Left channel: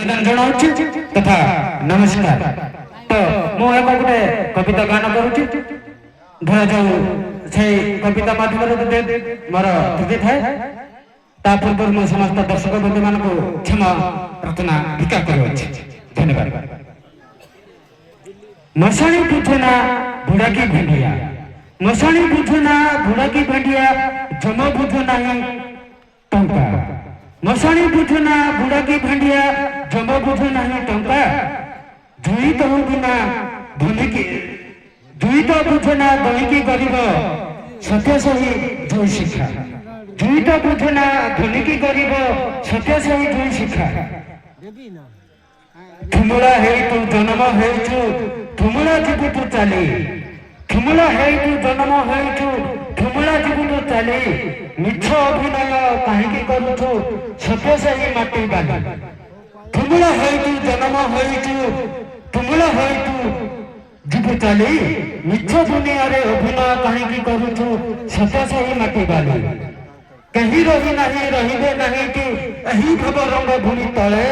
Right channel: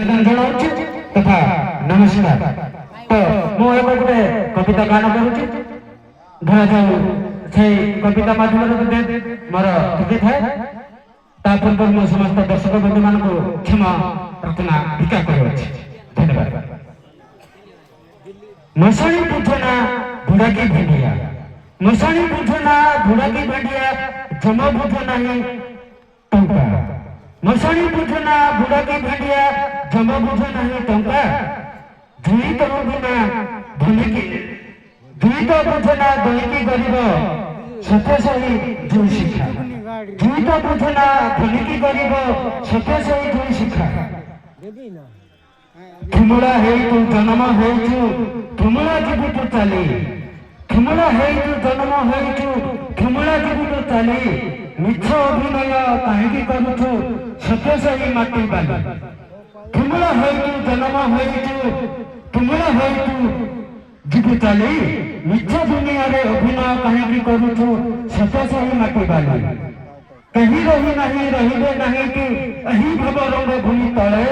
जनाऊँ तथा नमस्कार। तो मु एक गोटे कविता गान करुच्ची धरा जाऊ से कविता माध्यम मोर त्रुटि थाए ता पूर्व मो समस्त दर्शक बंधु मान क्षमा प्रार्थना भिक्षा करुच्ची। धन्यवाद। मशाणी बुझना बुढ़ा की भेंडिया, मशाणी बुझना बुढ़ा की भेंडिया, जमा बुझ नहीं टंका। मशाणी बुझना बुढ़ा की भेंडिया, जमा बुझ नहीं टंका। धुई तो बिना धुनी की धुई तो बुझना दही की गरीब सत्य सही धुई शिक्षा। धुई तो बुझना धुनी की गरीब सत्य सही धुई शिक्षा। थुमुला है तू जन्म है तू थुमुला जीव तू चली। थुमुला है तू जन्म है तू थुमुला जीव तू चली। मिछ अभिनय कहीं करूछु सत्य सही माटी बाली। थुमुला है तू जन्म है तू थुमुला है तू जीव चली। मिछ दुनिया रे अभिनय कहीं करूछु सत्य सही माटी बाली। कहीं रही नहीं रहिबे नहीं कि एही भव रंग भूमि तले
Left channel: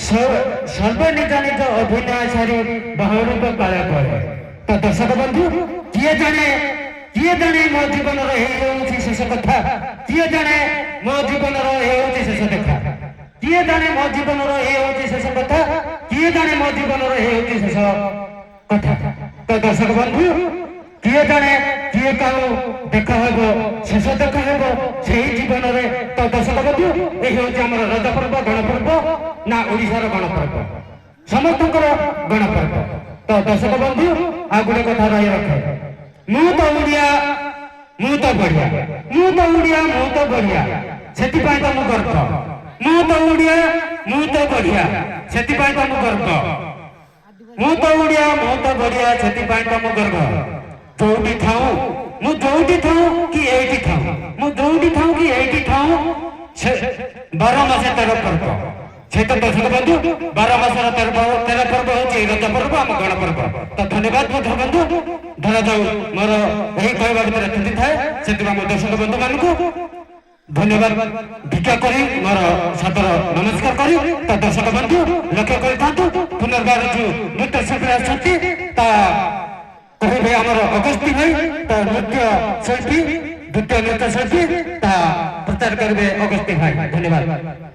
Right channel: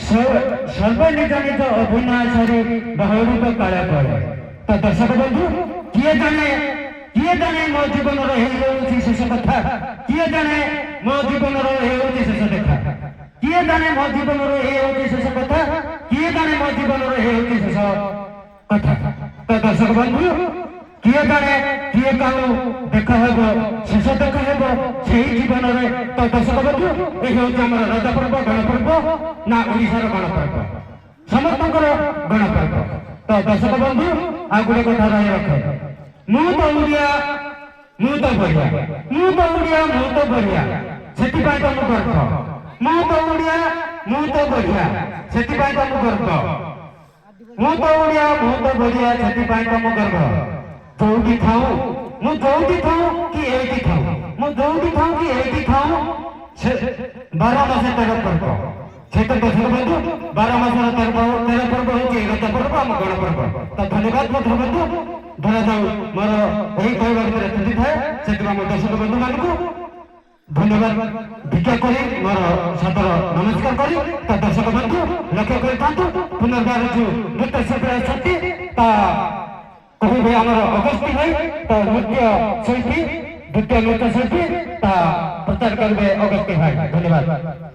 सर्व निज निज अभिनय सारी बहुरूप काले पड़े। तो दर्शक बंधु किए जाने मो जीवन शेष कथा किए जाने मो जीवन शेष देखा किए जाने मो जीवन शेष कथा किए जाने मो जीवन शेष कथा। तो दर्शक बंधु किए जाने किए कहू देखा हेबो शेष देखा हेबो से जीवन में। तो दर्शक बंधु यही हूँ आम रज पर्व गण पर्व ना ओडिशार गण पर्व समस्त गण पर्व। तो दर्शक बंधु आ गोटे कथा रही रखे मु तो ओडिया मु तो बढ़िया मु तो ओडिया मु तो बढ़िया से तो मु गर्व। मु तो ओडिया मु तो बढ़िया से तो मु गर्व। मु तो ओडिया मु तो बढ़िया से तो मु गर्व। जोटी थाऊ मु जोटी थाऊ कि एटी थाऊ मु जोटी थाऊ कि एटी थाऊ 12 मासे 13 पर्व से तो दर्शक बंधु 12 मासर 13 पर्व होची रज पर्व आम गण पर्व। तो धन्यवाद दर्शक बंधु धरा जाऊ मोर यही कहवा भितर त्रुटि थाए से मो दर्शक बंधु मानकु धन्यवाद भिक्षा करी मोर सादर नमस्कार करी। तो दर्शक बंधु लक्ष्य कर पुनर्बार जो नृत्य शिल्पी आसती कहे आमर अगस्ती भाई तो नृत्य शिल्पी द्वितीय नृत्य शिल्पी प्रचार करेंगे अगस्ती भाई। धन्यवाद।